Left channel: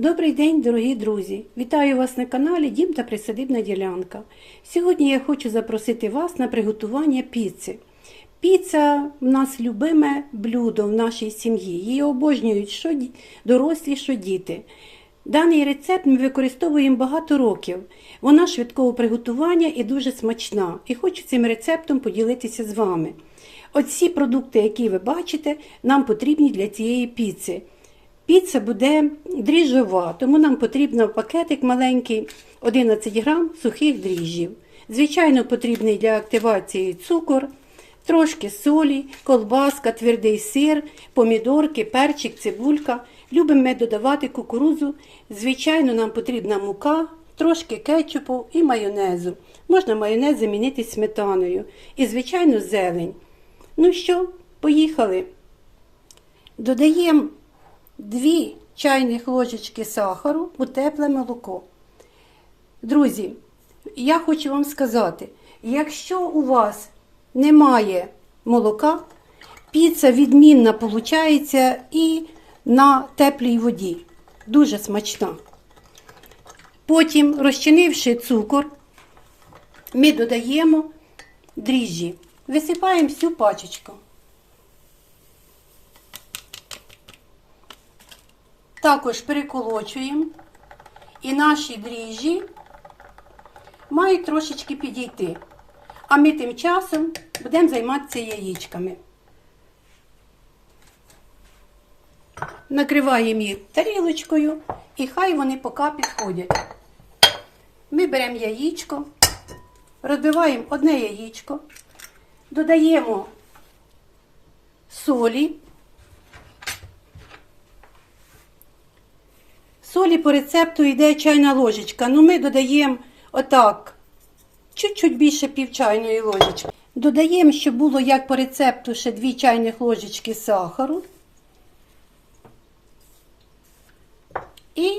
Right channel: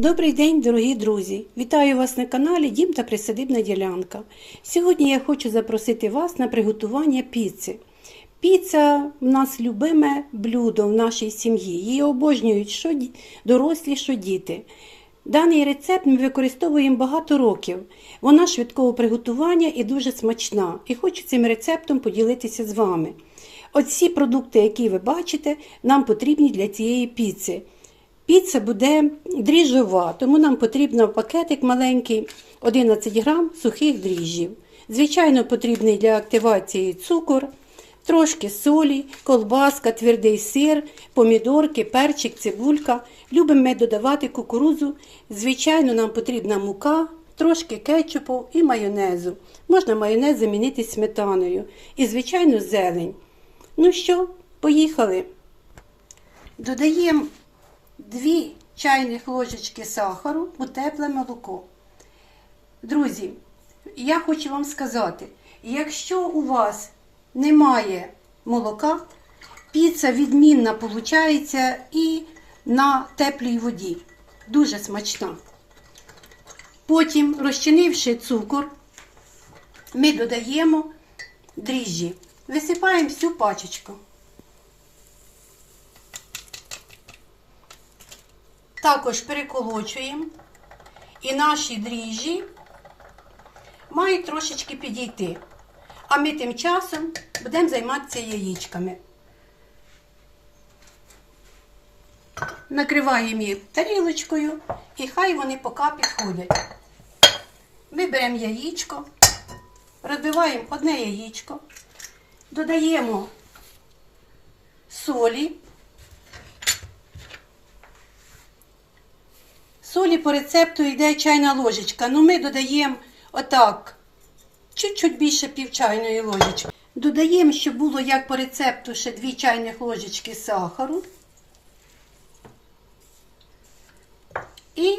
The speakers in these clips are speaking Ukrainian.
Добрий день, дорогі друзі! Вітаю вас на каналі Дім та Присадибна ділянка. Сьогодні я хочу запросити вас на приготування піци. Піца в нас любиме блюдо в нашій сім'ї. Її обожнюють що дорослі, що діти. Даний рецепт ми використовуємо багато років. Вона швидкого приготування і дуже смачна. І хочу цим рецептом поділитися з вами. Оці продукти, які ви бачите, нам потрібні для цієї піци. Піца буде дріжджова, тому нам потрібно пакетик маленький 11 грам сухих дріжджів. Звичайно, потрібний для активації цукор, трошки солі, колбаска, твердий сир, помідорки, перчик, цибулька. Любимо ми додавати кукурузу. Звичайно, нам потрібна мука, трошки кетчупу і майонезу. Можна майонез замінити сметаною. І, звичайно, зелень. Ну що, поїхали. Додаємо 2 чайних ложечки сахару у тепле молоко. Друзі, я хочу вам сказати, якщо у вас немає молока, піца відмінна виходить і на теплій воді. Дуже смачна. Потім, розчинивши цукор, ми додаємо дріжджі. Висипаємо всю пачечку. Також переколочуємо і наші дріжджі мають трошечки підійти. А ми тим часом будемо займатися яєчками. Накриваємо їх тарілочкою і хай вони поки підходять. Ми беремо яєчко, розбиваємо одне яєчко, додаємо солі. Солі по рецепту йде чайна ложечка. Ну ми додаємо отак, чуть-чуть більше пів чайної ложечки. Додаємо, щоб було як по рецепту ще 2 чайних ложечки сахару. І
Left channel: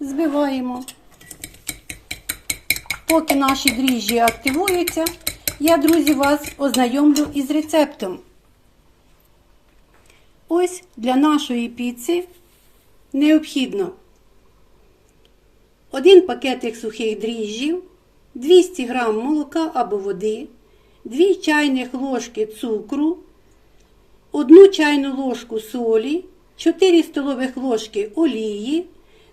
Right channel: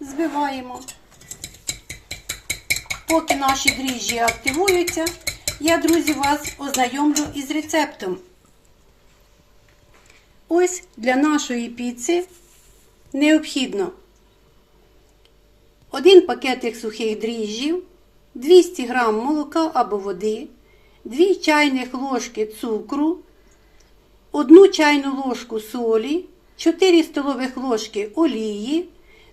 збиваємо. Поки наші дріжджі активуються, я, друзі, вас ознайомлю із рецептом. Ось для нашої піци необхідно один пакетик сухих дріжджів, 200 г молока або води, 2 чайних ложки цукру, 1 чайну ложку солі, 4 столових ложки олії,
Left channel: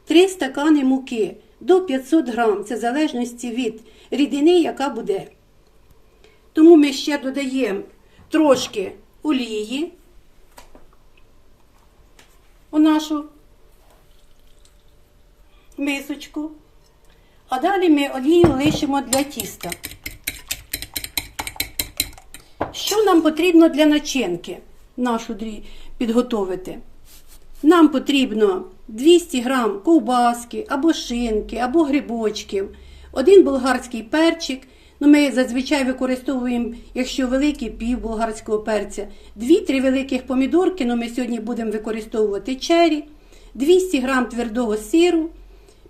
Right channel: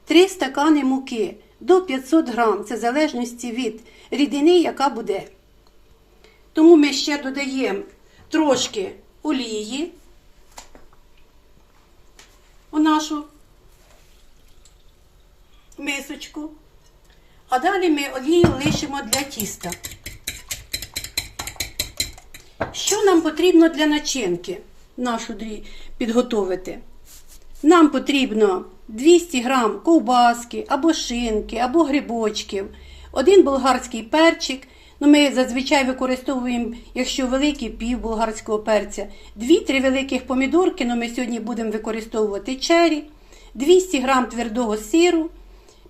3 стакани муки до 500 г. Це в залежності від рідини, яка буде. Тому ми ще додаємо трошки олії у нашу мисочку. А далі ми олію лишимо для тіста. Що нам потрібно для начинки нашу підготовити? Нам потрібно 200 грам ковбаски, або шинки, або грибочків, один болгарський перчик. Ну, ми зазвичай використовуємо, якщо великий, пів болгарського перця, 2-3 великих помідорки, ну ми сьогодні будемо використовувати чері, 200 грам твердого сиру,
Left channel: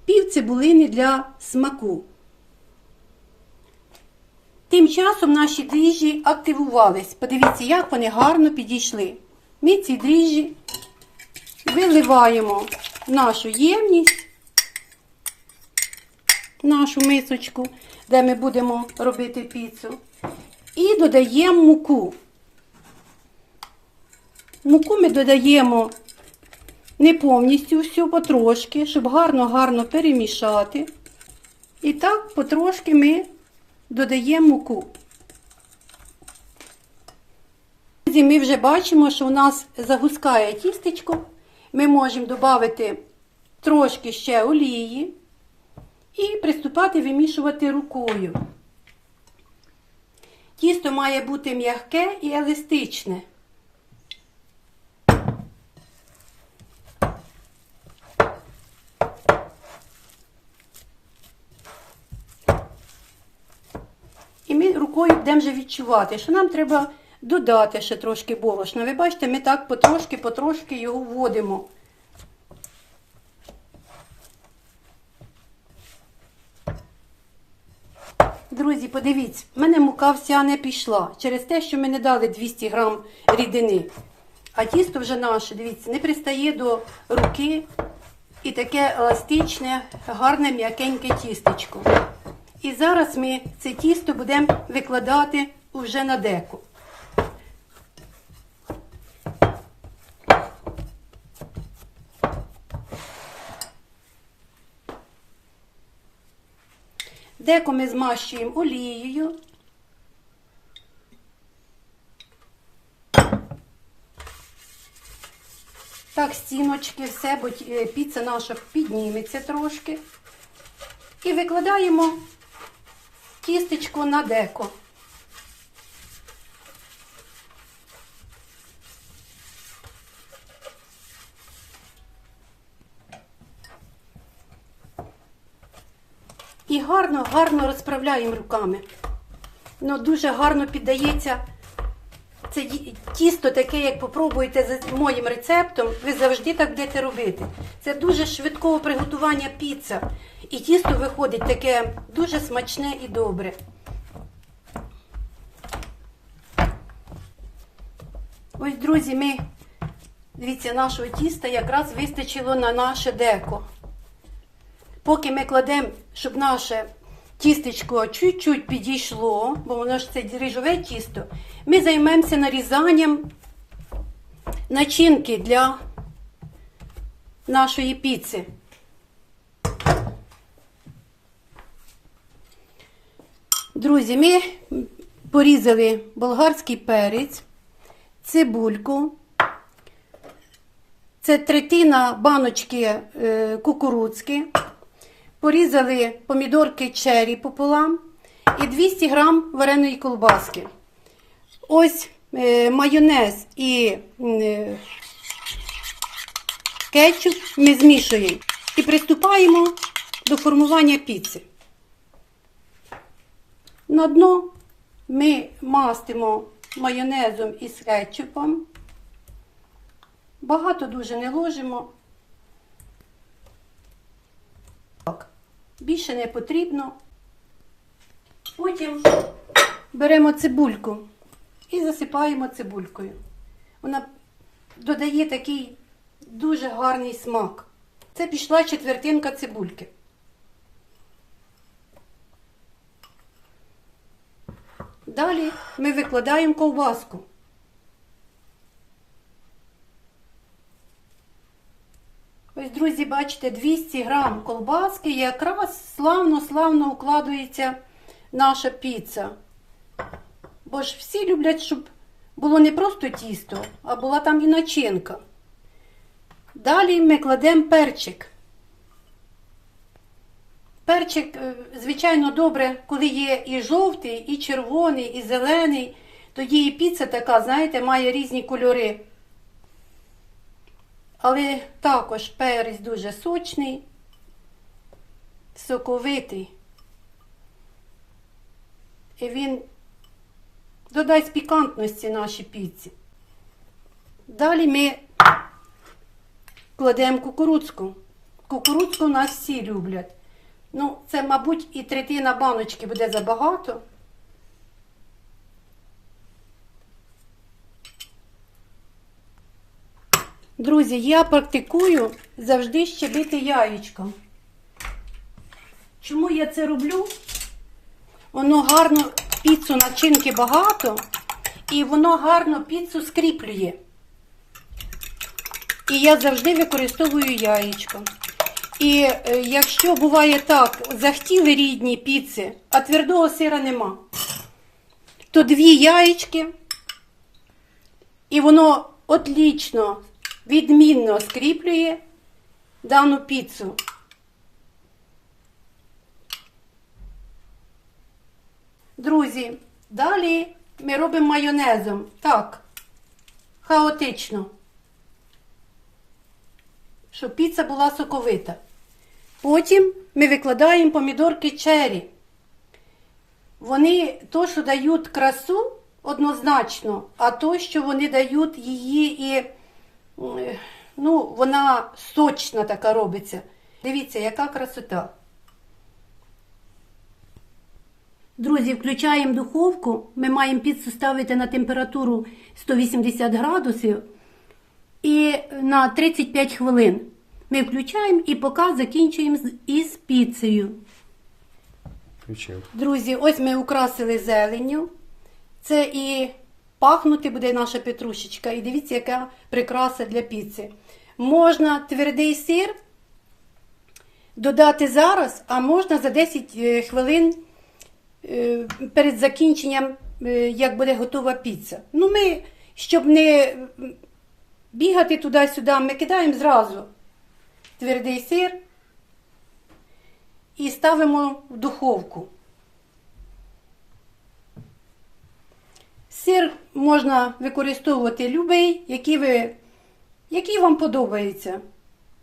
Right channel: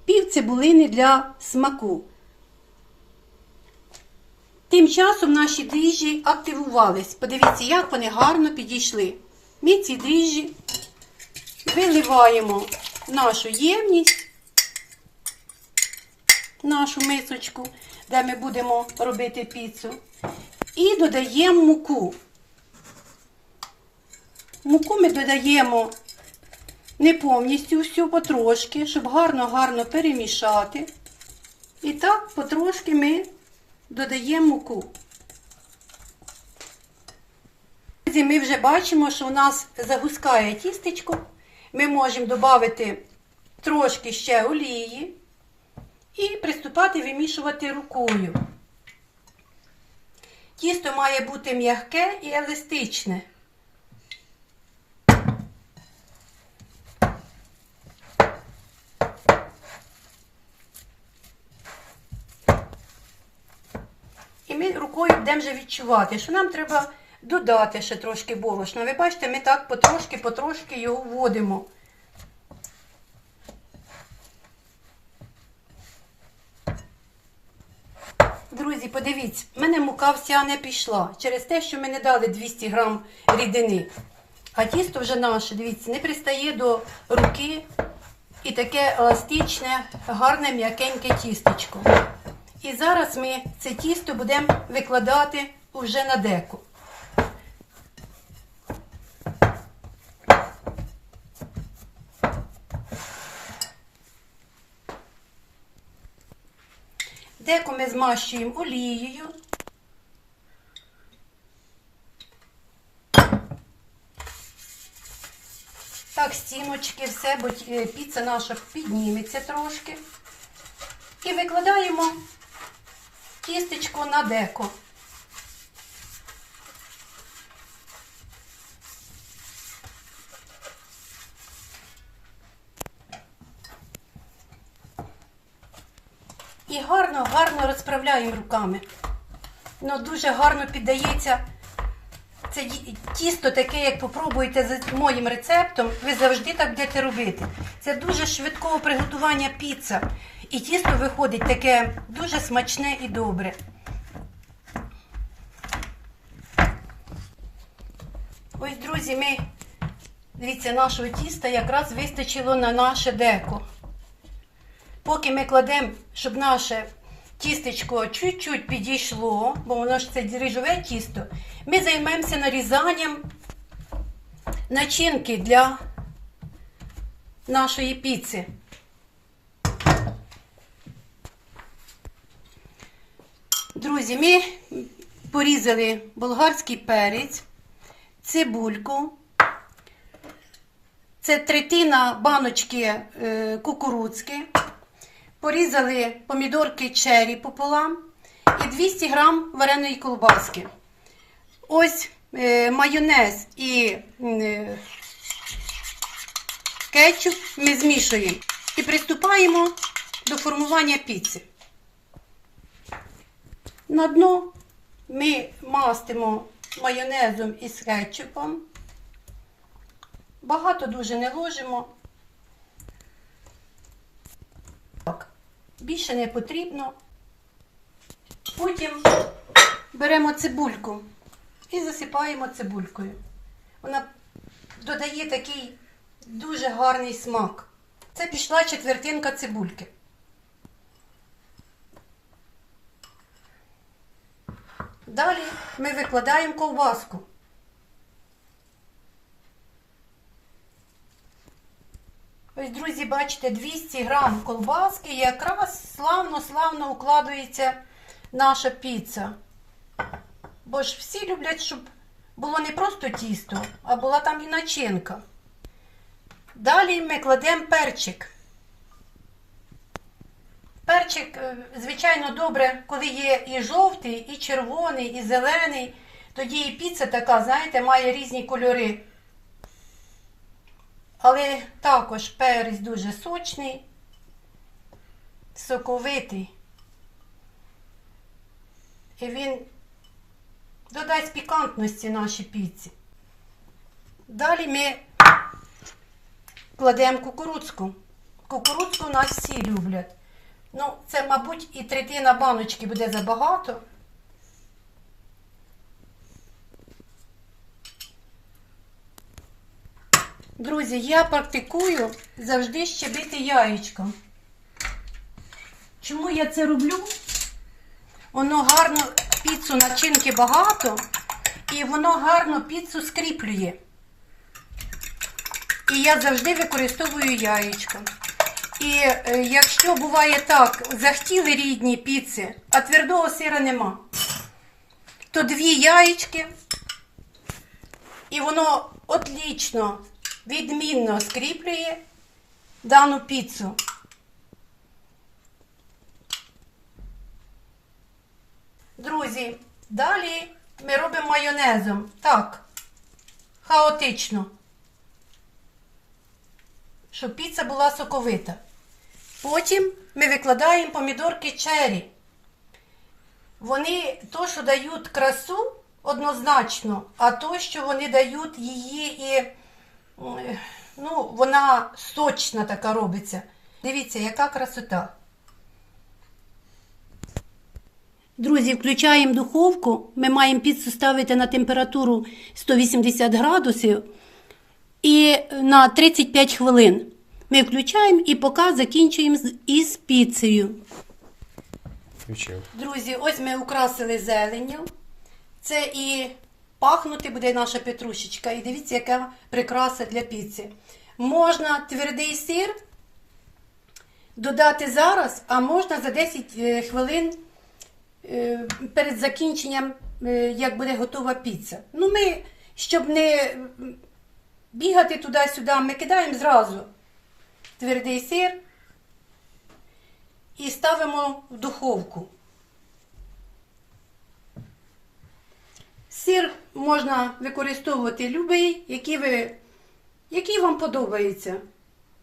пів цибулини для смаку. Тим часом наші дріжджі активувались. Подивіться, як вони гарно підійшли. Ми ці дріжджі виливаємо в нашу ємність, нашу мисочку, де ми будемо робити піцу. І додаємо муку. Муку ми додаємо не повністю всю, потрошки, щоб гарно-гарно перемішати. І так потрошки ми додаємо муку. Ми вже бачимо, що у нас загускає тістечко. Ми можемо додати трошки ще олії і приступати вимішувати рукою. Тісто має бути м'яке і еластичне. І рукою будемо вже відчувати, що нам треба додати ще трошки борошна. Ви бачите, ми так потрошки-потрошки його вводимо. Друзі, подивіться, в мене мука вся не пішла через те, що ми не дали 200 грам рідини. А тісто вже наше, дивіться, не пристає до руки. і таке еластичне, гарне м'якеньке тістечко. І зараз ми це тісто будемо викладати вже на деко. Деко ми змащуємо олією. Так, стіночки, все, бо е, піца наша підніметься трошки. І викладаємо тістечко на деко. І гарно, гарно розправляємо руками. Ну, дуже гарно піддається. Це тісто таке, як попробуєте за моїм рецептом, ви завжди так будете робити. Це дуже швидкого приготування піца. І тісто виходить таке дуже смачне і добре. Ось, друзі, ми, дивіться, нашого тіста якраз вистачило на наше деко. Поки ми кладемо, щоб наше тістечко чуть-чуть підійшло, бо воно ж це дріжджове тісто, ми займемося нарізанням начинки для нашої піци. Друзі, ми порізали болгарський перець, цибульку. Це третина баночки е, кукурудзки. Порізали помідорки чері пополам і 200 грам вареної колбаски. Ось е, майонез і е, кетчуп ми змішуємо і приступаємо до формування піци. На дно ми мастимо майонезом із кетчупом. Багато дуже не ложимо. Так, більше не потрібно. Потім беремо цибульку і засипаємо цибулькою. Вона додає такий дуже гарний смак. Це пішла четвертинка цибульки. Далі ми викладаємо ковбаску. Ось, друзі, бачите, 200 грам колбаски і якраз славно-славно укладується наша піца. Бо ж всі люблять, щоб було не просто тісто, а була там і начинка. Далі ми кладемо перчик. Перчик, е, звичайно, добре, коли є і жовтий, і червоний, і зелений. Тоді і піца така, знаєте, має різні кольори. Але також перець дуже сочний, соковитий. І він додасть пікантності нашій піці. Далі ми кладемо кукурудзку. Кукурудзку у нас всі люблять. Ну, це, мабуть, і третина баночки буде забагато. Друзі, я практикую завжди щебити яєчком. Чому я це роблю? Воно гарно піцу начинки багато, і воно гарно піцу скріплює. І я завжди використовую яєчко. І е, якщо буває так, захотіли рідні піци, а твердого сира нема, то дві яєчки, і воно отлічно, відмінно скріплює дану піцу. Друзі, далі ми робимо майонезом. Так, хаотично. Щоб піца була соковита. Потім ми викладаємо помідорки чері. Вони то, що дають красу однозначно, а то, що вони дають її і ну, вона сочна така робиться. Дивіться, яка красота. Друзі, включаємо духовку. Ми маємо піцу ставити на температуру 180 градусів і на 35 хвилин. Ми включаємо і поки закінчуємо із піцею. Включив. Друзі, ось ми украсили зеленню. Це і пахнути буде наша петрушечка. І дивіться, яка прикраса для піци. Можна твердий сир додати зараз, а можна за 10 е, хвилин е, перед закінченням, е, як буде готова піца. Ну, ми, щоб не бігати туди-сюди, ми кидаємо зразу твердий сир і ставимо в духовку. Сир можна використовувати любий, який, ви, який вам подобається.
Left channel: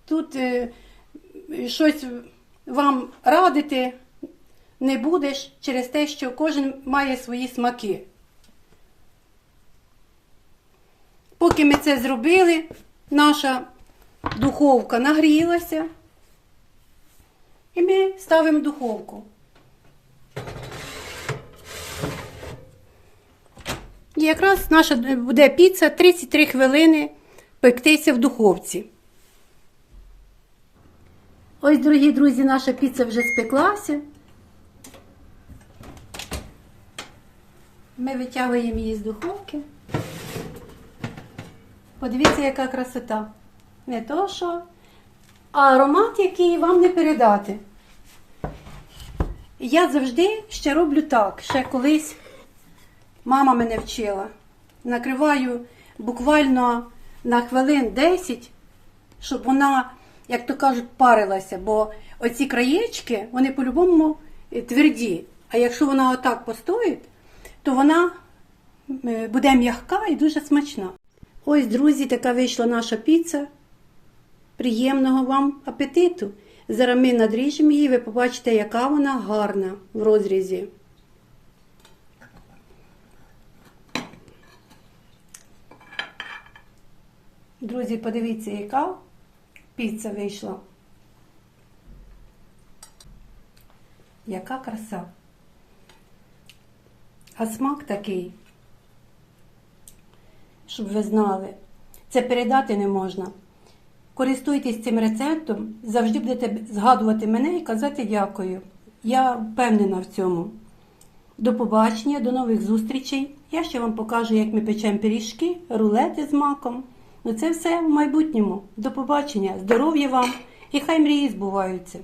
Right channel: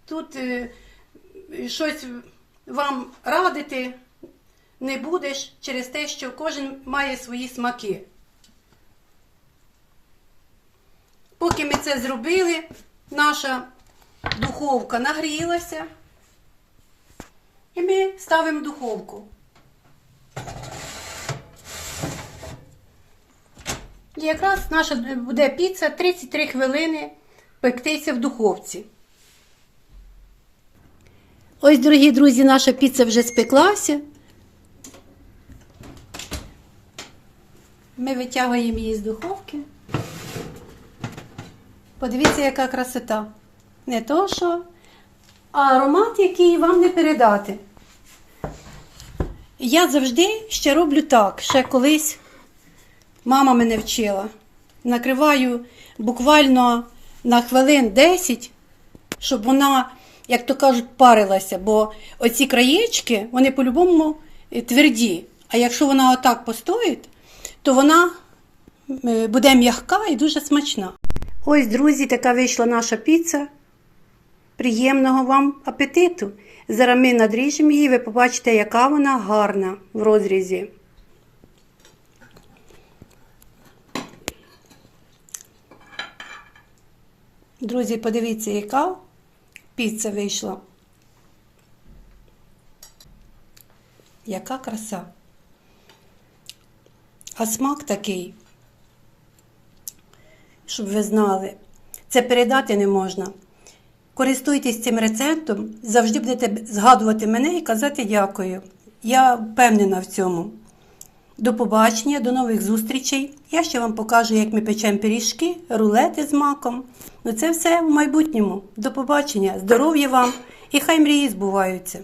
Тут е, щось вам радити не будеш через те, що кожен має свої смаки. Поки ми це зробили, наша духовка нагрілася. І ми ставимо духовку. І якраз наша буде піца 33 хвилини пектися в духовці. Ось, дорогі друзі, наша піца вже спеклася. Ми витягуємо її з духовки. Подивіться, яка красота. Не то що, а аромат, який вам не передати. Я завжди ще роблю так, ще колись мама мене вчила. Накриваю буквально на хвилин 10, щоб вона, як то кажуть, парилася, бо оці краєчки, вони по-любому е, тверді. А якщо вона отак постоїть, то вона е, буде м'яка і дуже смачна. Ось, друзі, така вийшла наша піца. Приємного вам апетиту! Зараз ми надріжемо її, ви побачите, яка вона гарна в розрізі. Друзі, подивіться, яка піца вийшла. Яка краса. А смак такий, щоб ви знали, це передати не можна. Користуйтесь цим рецептом, завжди будете згадувати мене і казати дякую. Я впевнена в цьому. До побачення, до нових зустрічей. Я ще вам покажу, як ми печемо пиріжки, рулети з маком. Ну це все в майбутньому. До побачення, здоров'я вам і хай мрії збуваються.